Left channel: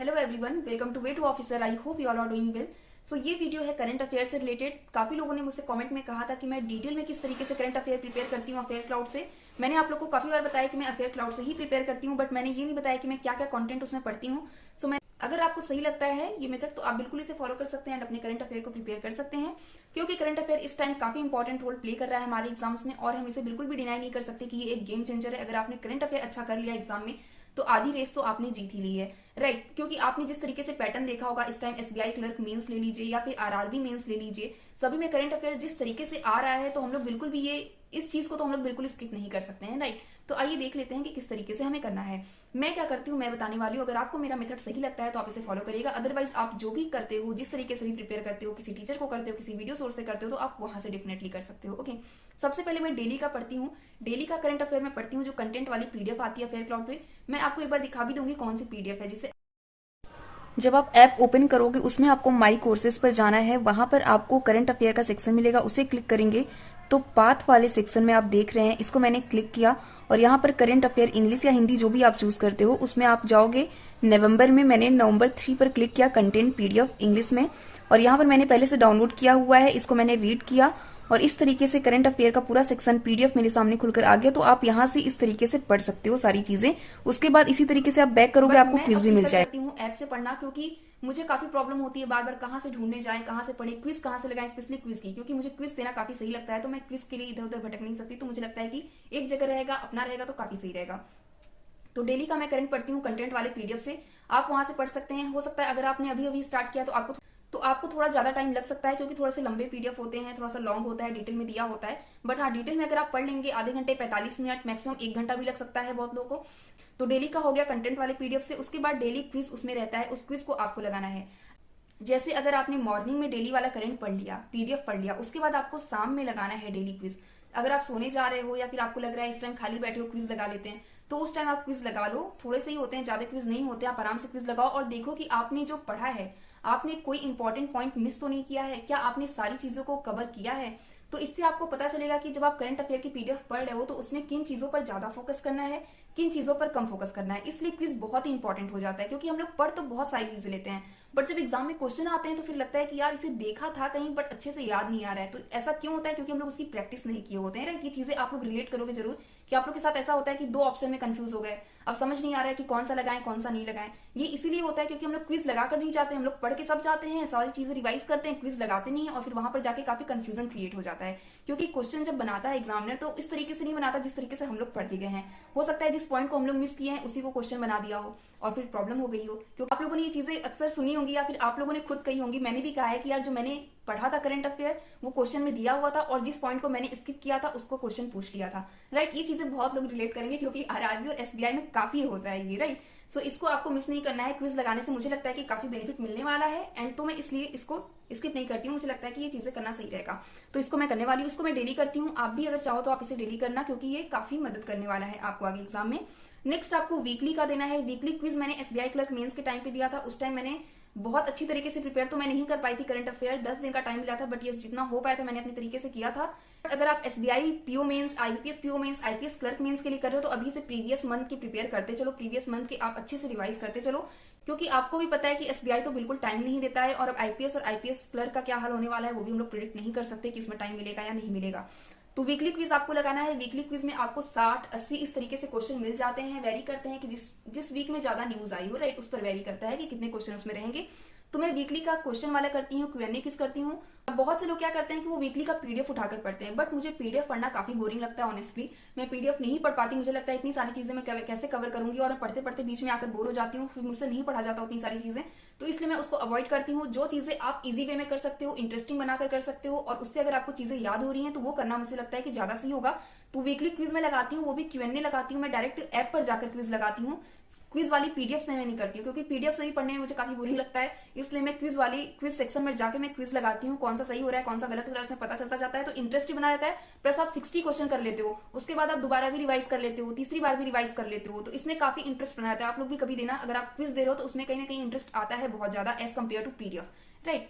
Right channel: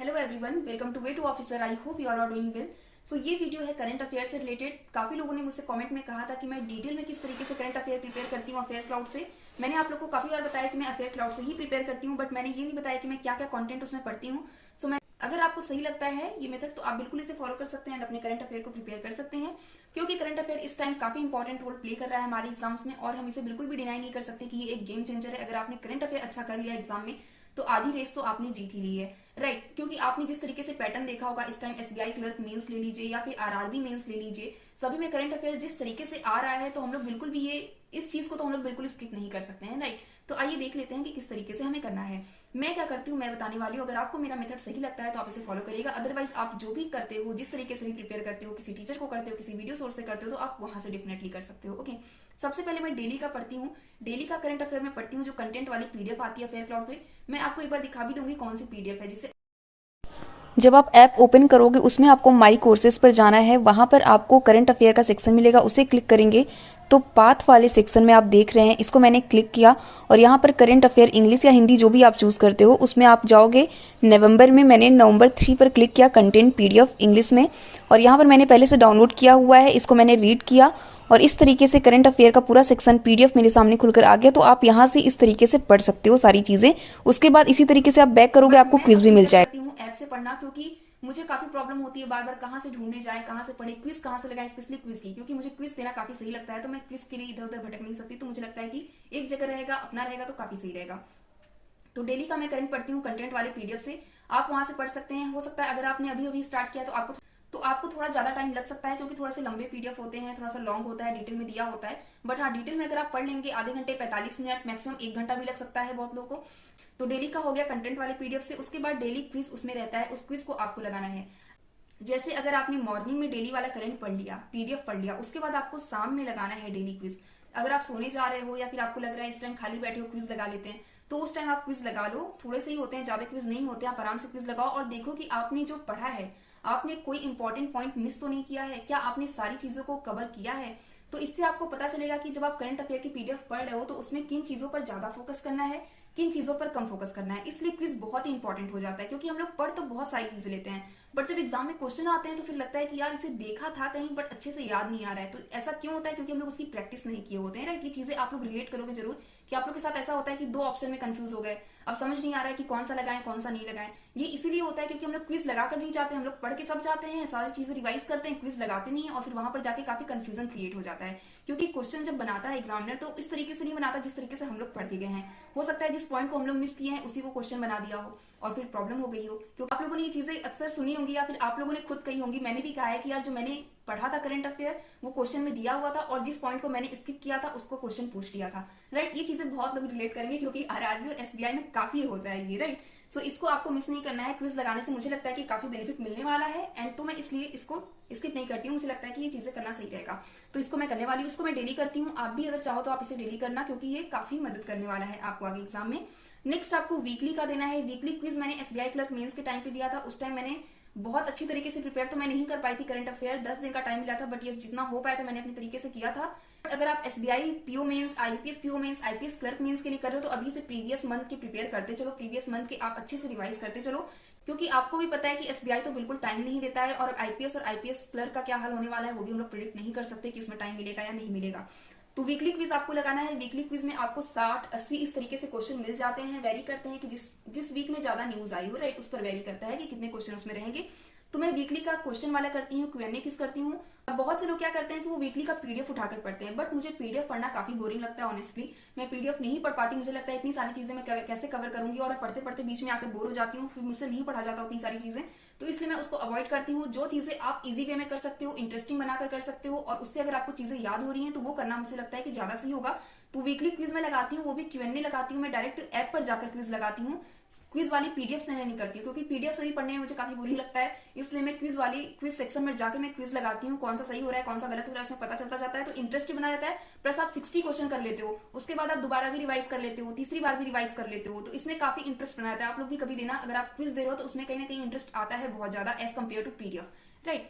Hello everyone, welcome to way to officer. I hope you all are doing well. So ये video है current affair से related. काफी लोगों ने मुझसे कमेंट में कहा था कि मैं डिटेल में किस तरीके से करंट अफेयर प्रिपेयर करती हूँ अफेयर क्लाउड से। मैंने आप लोगों को काफी बार बताया कि मैं अफेयर क्लाउड से ही प्रिपेयर करती हूँ, बट मैंने ये नहीं बताया कि मैं क्या क्या कंटेंट उसमें पढ़ती हूँ। सो मैं अगर आपको सही लगता है ये मेथड तो आप बिल्कुल इसे फॉलो कर सकते हैं एंड अपने करंट अफेयर को प्रिपेयर कर सकते हैं, क्योंकि करंट अफेयर इस टाइम काफी इंपॉर्टेंट रोल प्ले कर रहा है हमारे एग्जाम्स में और हम इसे बिल्कुल भी डिनाई नहीं कर सकते कि ये एक गेम चेंजर है। अगर आपने करंट अफेयर अच्छा कर लिया एग्जाम में तो आधी रेस तो आपने जीत ही ली है, राइट। क्योंकि आपने जिस तरीके से पैटर्न देखा होगा, इस टाइम एसबीआई क्लर्क मेंस ले लीजिए या फिर आरआरबी मेंस ले लीजिए, सभी में करंट अफेयर जिस तरीके से आ रहा है तो हम लोग बिल्कुल भी ये इस चीज को तो हम लोग बिल्कुल स्किप नहीं कर सकते हैं, राइट। तो आइए देख लेते हैं कि किस तरीके से हमें करना है। मैं क्या करती हूँ मैं बताने वाली हूँ। अगर आपको मेरा मेथड सही लगता है तो आप इसे फॉलो करिएगा, अदरवाइज आप जो भी करते हो, जिस तरीके से भी प्रिपेयर करते हो, किसी टीचर को करते हो, किसी वीडियो सोर्स से करते हो, तो आप वहां से डेफिनेटली कर सकते हो। ओके, सबसे पहले मैं डेली का पढ़ती हूँ। डेली का करंट अफेयर में पढ़ती हूँ जो कंटेंट वाली पीडीएफ आती है अफेयर क्लाउड पे। मैं आपको एक बार दिखा भी दूंगी कौन सी पीडीएफ है, जिससे जब आप ऐप ओपन करोगे उसमें आपको माई कोर्सेज पर जाना है। वहां पर आपको करंट अफेयर का सेक्शन मिलेगा, उसे क्लिक करेंगे तो पाथ वाले सेक्शन में आप देख रहे हैं, इसको मैंने क्लिक किया और यहाँ पर करंट अफेयर इंग्लिश या हिंदी जो भी आप चूज करते हो उसमें आप जाओगे। नवंबर में मैंने नवंबर 3 पर क्लिक किया, कंटेंट पीडीएफ इंग्लिश में, और यहाँ पर मैंने पहले से डाउनलोड किया हुआ है, इसको मैंने रीड किया और इस तरीके से करंट अफेयर का पूरा सेक्शन पीडीएफ मेरे सामने खुलकर आ गया। तो आप यहाँ से इस तरीके से पढ़ सकते हो सारी चीजें। उसके बाद इसी तरीके से आप बैक करोगे, आपको क्विज भी मिल जाएगा। ऐप से पढ़ना, क्योंकि मुझे काफी प्रॉब्लम होती है बार बार कहाँ से ढूंढने जाए, कहाँ से पढ़े, क्विज कहाँ से लगाए, स्पेशली क्विज की, क्योंकि मुझे क्विज देना काफी सही लगता है। तो मैं क्विज के लिए इधर उधर भटक नहीं सकती, तो मुझे लगता है कि एक जगह रहेगा, अपना रहेगा तो काफी सही रहेगा। तो डेली का मैं करंट पढ़ती हूँ कंटेंट वाले पीडीएफ से, आप वहां से पढ़ सकते हैं। हो सकता है अगर आपने अभी अभी स्टार्ट किया तो आपको थोड़ा ज्यादा टाइम लग सकता है, क्योंकि थोड़ा से लंबे पीडीएफ होते हैं, थोड़ा सा लॉन्ग होता है, डिटेल में दिया होता है। बट हाँ, डिटेल में अगर आप पढ़ लेंगे आधे घंटे 45 मिनट, मैक्सिमम 1 घंटा भी लग सकता है बहुत लोगों को। तो डेली का हो गया कंटेंट वाले पीडीएफ से। उसके बाद डेली क्विज उसमें रहता है, उस क्विज को आपको लगाना है। जैसे अगर आपने मॉर्निंग में डेली वाला करंट पढ़ लिया, पीडीएफ पढ़ लिया, उसके बाद आपको शाम में लगाना है डेली क्विज। अगर आप सोने जा रहे हो या फिर आपको लग रहा है इस टाइम खाली बैठे हो क्विज लगा लेते हैं, तो उस टाइम आप क्विज लगा लो। थोड़े से ही होते हैं, ज्यादा क्विज नहीं होते, आप आराम से क्विज लगाओ और देखो कि आपने जो पढ़ा है आपने कोई इंपॉर्टेंट पॉइंट मिस तो नहीं किया है, क्या आपने सारी चीजों को कवर किया है। तो इससे आपको पता चलेगा कि जब आप करंट अफेयर की पीडीएफ पढ़ रहे हो तो उसमें किन चीजों पर ज्यादा फोकस करना है, किन चीजों पर कम फोकस करना है। इसलिए क्विज बहुत ही इंपॉर्टेंट हो जाता है, क्योंकि हम लोग पढ़ तो बहुत सारी चीजें लेते हैं, बट जब एग्जाम में क्वेश्चन आते हैं तो फिर लगता है कि यार इसे देखा था कहीं बट अच्छे से याद नहीं आ रहा है। तो ऐसा क्यों होता है? क्योंकि हम लोग उसकी प्रैक्टिस नहीं किए होते हैं, राइट। ये चीजें आप लोग रिलेट करोगे जरूर कि आप लोग के साथ ऐसा होता है कि दो ऑप्शन में कंफ्यूज हो गए, अब समझ नहीं आ रहा है कि कौन सा लगाएं कौन सा नहीं लगाएं। ये इसीलिए होता है क्योंकि हम लोग क्विज लगाकर नहीं जाते, हम लोग पढ़ के सब जाते हैं, सारी चीजें रिवाइज करते हैं, क्विज लगाते नहीं है और फिर वहां पर जाके काफी कंफ्यूजन क्रिएट हो जाता है। क्योंकि क्वेश्चन जब बनाता है एग्जामिनर तो इस तरीके से नहीं बनाता जिस तरीके से हम लोग पढ़ के गए हैं। हो सकता है जिस पॉइंट को हम लोग मिस किए हैं उसी को क्वेश्चन बना दिया हो और फिर प्रॉब्लम हो गई हो। क्योंकि आप लोगों ने ये चीजें अक्सर सुनी होंगी या फिर आप लोगों ने खुद कही होंगी, मैंने भी कहा है कि यार जो मैंने पढ़ा था करंट अफेयर वो क्वेश्चन में दिया हुआ था और जिस पॉइंट को मैंने स्किप किया था उसको क्वेश्चन पूछ लिया था, राइट। ये चीजें बहुत लोग रिलेट करेंगे क्योंकि आरआरबी और एसबीआई में काफी होता है ये, राइट। सो इसको आपको मिस नहीं करना है। क्विज लगाने से मुझे लगता है कि काफी बेनिफिट मिलने वाला है एंड तो मैं इसलिए इसको स्किप नहीं करती हूँ। मुझे लगता है कि ये चीजें करना सही रहेगा, तो इसको मैं करने वाली हूँ। इसको मैं डेली करती हूँ, आप भी अगर चाहो तो आप इसे डेली करना, क्योंकि ये काफी मदद करने वाला है आपको आगे एग्जाम में। नेक्स्ट आपको वीकली का देना है। वीकली क्विज मैंने एसबीआई क्लर्क मेंस के टाइम पे दिया था, उस टाइम मैंने बहुत अच्छी तरीके से प्रिपेयर तो मैं नहीं कर पाई थी करंट अफेयर, 10 दिन का टाइम मिला था, बट ये जितना हो पाया था मैंने अपने तरीके से किया था। अगर आप SBI PO mains, IPS PO mains, IPS clerk mains के लिए कर रहे हो तो अभी से प्रीवियस मंथ की प्रिपेयर करते चलो, प्रीवियस मंथ के आप अच्छे से रिवाइज करते चलो, क्योंकि आपको भी पता है कि एसबीआई तो बिल्कुल टाइम नहीं देता है और आईपीएस और आईपीएस क्लर्क का क्या हाल होने वाला है वो भी हम लोग प्रिडिक्ट नहीं कर सकते कि उसमें टाइम मिलेगा या नहीं मिलेगा। तो वीकली क्विज आपको लगाना है। वीकली क्विज में आपको 60-80 इस तरीके से क्वेश्चन मिल जाते हैं। वेरी करते हैं कि जिस वीक में ज्यादा न्यूज आई हो, राइट, उस पर वेरी करता है कि कितने क्वेश्चन उसमें रहेंगे। तो मैं वीकली का क्वेश्चन वाला करती हूँ, क्यूएनए किस करती हूँ। अब बहुत से लोग क्या करते हैं कि वो वीकली का पीडीएफ उठाकर पढ़ते हैं, बट मुझे पीडीएफ पढ़ना काफी बोरिंग लगता है ऑनेस्टली। मैं पीडीएफ नहीं पढ़ पाती, मुझे लगता है इतनी सारी चीजें मैं कैसे कवर करूंगी और पढ़ते पढ़ते बीच में आकर बोर हो जाती हूँ, फिर मुझसे नहीं पढ़ा जाता उतनी सारी चीजें। तो इसलिए मैं उसको अवॉइड करती हूँ। जो चीजें आप इजी वे में कर सकते हो, इंटरेस्टिंग बनाकर कर सकते हो और उससे अगर आपको चीजें याद हो रही हैं तो वो करना मुझे लगता है कि ज्यादा सही होगा। तो वीकली क्विज में लगाती हूँ, वो भी क्यूएनए लगाती हूँ। मैं डायरेक्ट ऐप पर जाकर क्विज लगाती हूँ, क्विज वाली पीडीएफ से मैं नहीं करती हूँ, क्योंकि पीडीएफ से भी पढ़ने में मुझे काफी बोरिंग लगता है। इसलिए मैं क्विज सेक्शन में जाकर मैं क्विज लगाती हूँ, कौन सा सही हो रहा है कौन सा गलत हो रहा है उसमें पता चलता जाता है, तो इंटरेस्ट बना रहता है। प्लस आप 60 क्वेश्चन कर लेते हो, उसके बाद आप दोबारा भी रिवाइज कर लेते हो, तीसरी बार भी रिवाइज कर लेते हो, तो इसमें काफी इंटरेस्ट बना रहता है। आप लोग भी कभी देना, अगर आप क्विज दे रहे हो तो उसमें कहीं ना कहीं इंटरेस्ट आता है बहुत ज्यादा as compare to PDF, right.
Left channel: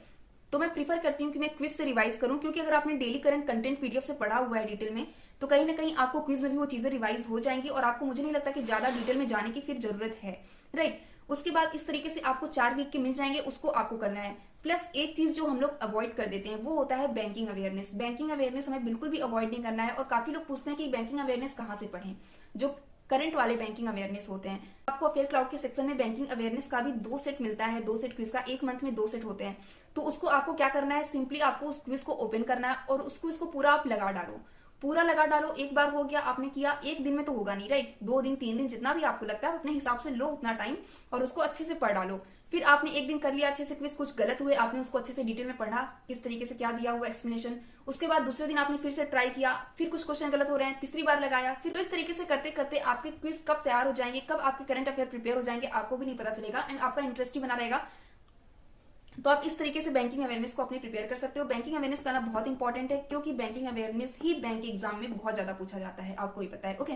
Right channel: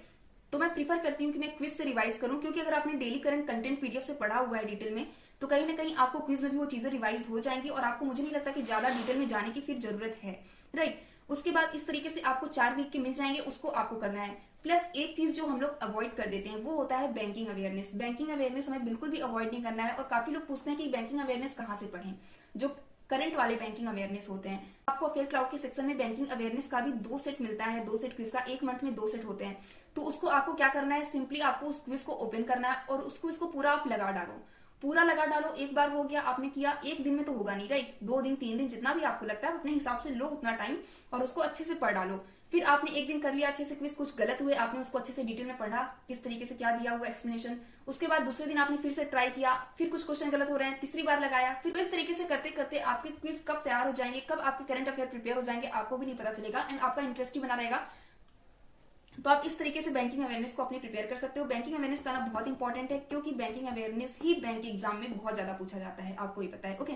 तो मैं प्रीफर करती हूँ कि मैं क्विज से रिवाइज करूं, क्योंकि अगर आपने डेली करंट कंटेंट पीडीएफ से पढ़ा हुआ है डिटेल में तो कहीं ना कहीं आपको क्विज में भी वो चीजें रिवाइज हो जाएंगी और आपको मुझे नहीं लगता कि ज्यादा डिटेल में जाने की फिर जरूरत है, राइट। उसके बाद इस तरीके से आपको 4 वीक के मिल जाएंगे, उसको आपको करना है। प्लस एक चीज जो हम लोग अवॉइड कर देते हैं वो होता है बैंकिंग अवेयरनेस। बैंकिंग अवेयरनेस हमें बिल्कुल भी अवॉइड नहीं करना है। और काफी लोग पूछते हैं कि बैंकिंग अवेयरनेस कहाँ से पढ़ें, जो करंट वाले बैंकिंग अवेयरनेस होते हैं। आपको अफेयर क्लाउड के सेक्शन में बैंकिंग अवेयरनेस का भी 2 सेट मिलता है, 2 सेट क्विज का, एक मंथ में 2 सेट होते हैं। तो उसको आपको क्या करना है, सिंपली आपको उस क्विज को ओपन करना है और इसको पूरा आप लगा डालो, पूरा लगा डालो। एक बार हो गया, आपने किया, एक दिन में तो होगा नहीं, राइट, 2 दिन 3 दिन जितना भी आपको लगता है अपने हिसाब से लो उतना टाइम, और उसको अच्छे से पढ़ डालो। फिर आपने एक दिन कर लिया अच्छे से क्विज, कुछ गलत हुए आपने उसको अच्छे से डिटेल में पढ़ा, किस तरीके से क्या दिया हुआ एक्सप्लेनेशन। उसके बाद दूसरे दिन आपने फिर से ट्राई किया, फिर कुछ क्वेश्चन गलत हो रहे हैं, तीसरी बार लगाया। फिर तो इस तरीके से करते करते आपके क्विज कब तैयार हो जाएंगे, कब आपके करंट अफेयर प्रिपेयर हो जाएंगे, आपको भी नहीं पता चलेगा, एंड आपका इंटरेस्ट ही बना रहेगा। तो आप इस तरीके से बैंकिंग अवेयरनेस को अपनी प्रिपेयर कर सकते हो। बैंकिंग अवेयरनेस करना बहुत इंपॉर्टेंट है, क्योंकि बैंकिंग अवेयरनेस ही बैंक एग्जाम में बहुत ज्यादा पूछा जाता है, आपको ही पता है। ओके,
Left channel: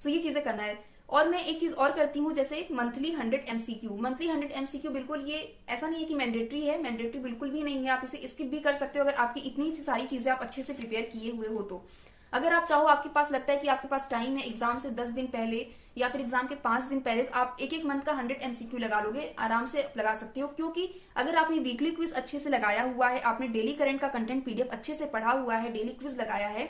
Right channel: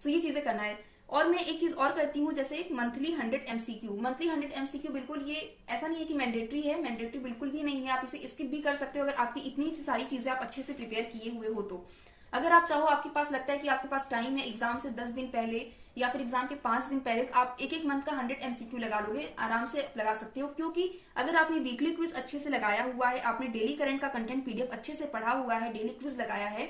सो ये चीजें करना है। और मैं एक चीज और करती हूँ, जैसे मंथली 100 MCQ। मंथली 100 MCQ बिल्कुल ये ऐसा नहीं है कि मैंडेटरी है, मैंडेटरी बिल्कुल भी नहीं है, आप इसे स्किप भी कर सकते हो अगर आपकी इतनी सारी चीजें आप अच्छे से प्रिपेयर किए हुए हो तो। अगर आप चाहो, आपके पास लगता है कि आपके पास टाइम है एग्जाम से 10 दिन पहले या फिर एग्जाम के 5 दिन पहले, तो आप एक मंथ का 100 MCQ लगा लोगे, आराम से लगा सकते हो। क्योंकि अगर आपने वीकली क्विज अच्छे से लगाया हुआ है, आपने डेली करंट का कंटेंट PDF अच्छे से पढ़ा हुआ है, डेली क्विज लगाया है,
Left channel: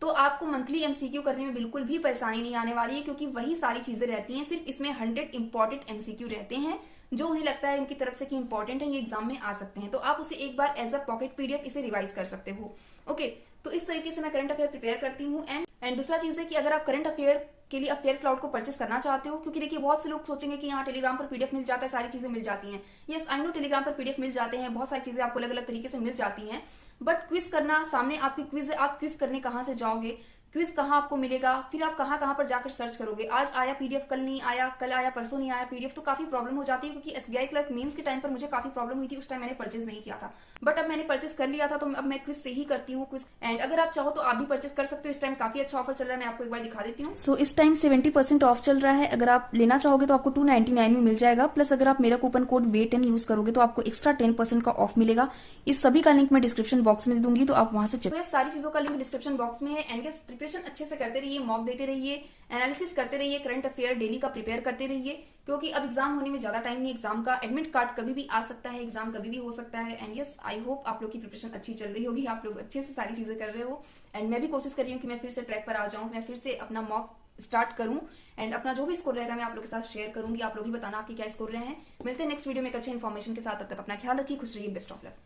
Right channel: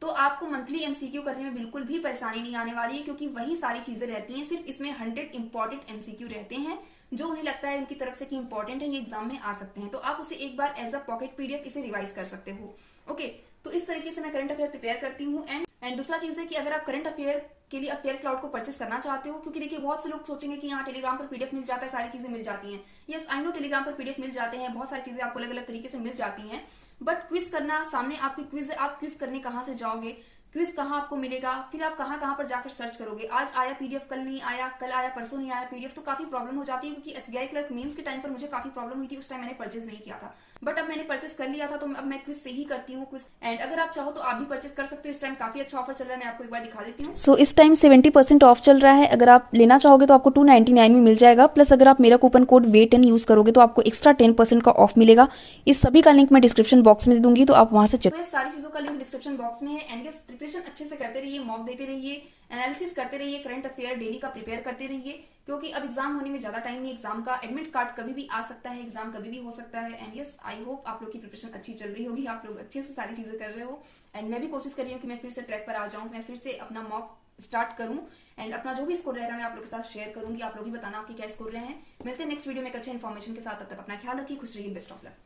तो आपको मंथली MCQ करने में बिल्कुल भी परेशानी नहीं आने वाली है, क्योंकि वही सारी चीजें रहती हैं। सिर्फ इसमें 100 इंपॉर्टेंट MCQ रहते हैं जो उन्हें लगता है उनकी तरफ से कि इंपॉर्टेंट है, ये एग्जाम में आ सकते हैं। तो आप उसे एक बार एज अ पॉकेट PDF इसे रिवाइज कर सकते हो। ओके, तो इस तरीके से मैं करंट अफेयर प्रिपेयर करती हूँ। एंड दूसरा चीज है कि अगर आप करंट अफेयर के लिए अफेयर क्लाउड को परचेस करना चाहते हो, क्योंकि देखिए बहुत से लोग सोचेंगे कि यहाँ टेलीग्राम पर PDF मिल जाता है, सारी चीजें मिल जाती हैं। यस, आई नो, टेलीग्राम पर PDF मिल जाते हैं, बहुत सारी चीजें आपको अलग अलग तरीके से मिल जाती हैं। बट क्विज करना, सामने आपकी क्विज है, आप क्विज करने कहाँ से जाओगे, क्विज कहाँ आपको मिलेगा, फिर आप कहाँ कहाँ पर जाकर सर्च करोगे, आज आया PDF, कल नहीं आया, कल आया परसों नहीं आया PDF, तो काफी प्रॉब्लम हो जाती है। क्योंकि SBI क्लर्क मेंस के टाइम पर मुझे काफी प्रॉब्लम हुई थी, उस टाइम मैंने परचेज नहीं किया था, बट अब मैंने परचेस कर लिया था, तो अब मैं क्विज से ही करती हूँ क्विज। एंड अगर आप चाहो तो आप भी परचेस कर सकते हो, इस टाइम काफी अच्छा ऑफर चल रहा है, मैं आपको एक बार दिखा देती हूँ। सो इस टाइम 70% ऑफ चल रहा है, अगर आप लेना चाहोगे तो आपको 299 में मिल जाएगा। प्लस अगर आप मेरा कूपन कोड WAIT10 यूज करोगे तो आपको एक्स्ट्रा 10% का ऑफ मिलेगा। इस सभी का लिंक मैं डिस्क्रिप्शन बॉक्स में दे दूंगी, तो आप वहां से चेक। तो सारी चीजों का लिंक डिस्क्रिप्शन बॉक्स में है। एंड ये प्रिपरेशन अच्छे से करते रहिए, मॉक देते रहिए, एनालिसिस करते रहिए, करंट अफेयर डेली का प्रिपेयर करते रहिए, क्योंकि अब एग्जाम होने में ज्यादा टाइम नहीं। एग्जाम का एडमिट कार्ड कभी भी आ सकता है, एग्जाम कभी भी हो सकता है। एंड यस, आई होप आप लोग की प्रिपरेशन अच्छी चल रही होगी, आप लोग अच्छे से सारी चीजें कर रहे हो। एंड मैं भी कोशिश कर रही हूँ कि मैं फिर से ट्रैक पर आ जाऊँ, मैं फिर से अपना मॉक स्टार्ट करूं, एंड अपना जो भी स्कोर रहेगा मैं आप लोगों के साथ शेयर करूंगी। आप लोग भी बताना आपके क्या स्कोर रहे हैं। मिलते हैं नेक्स्ट वीडियो में एक अच्छे इन्फॉर्मेशन के साथ, तब तक अपना ख्याल रखिए, खुश रहिए, बेस्ट ऑफ लक।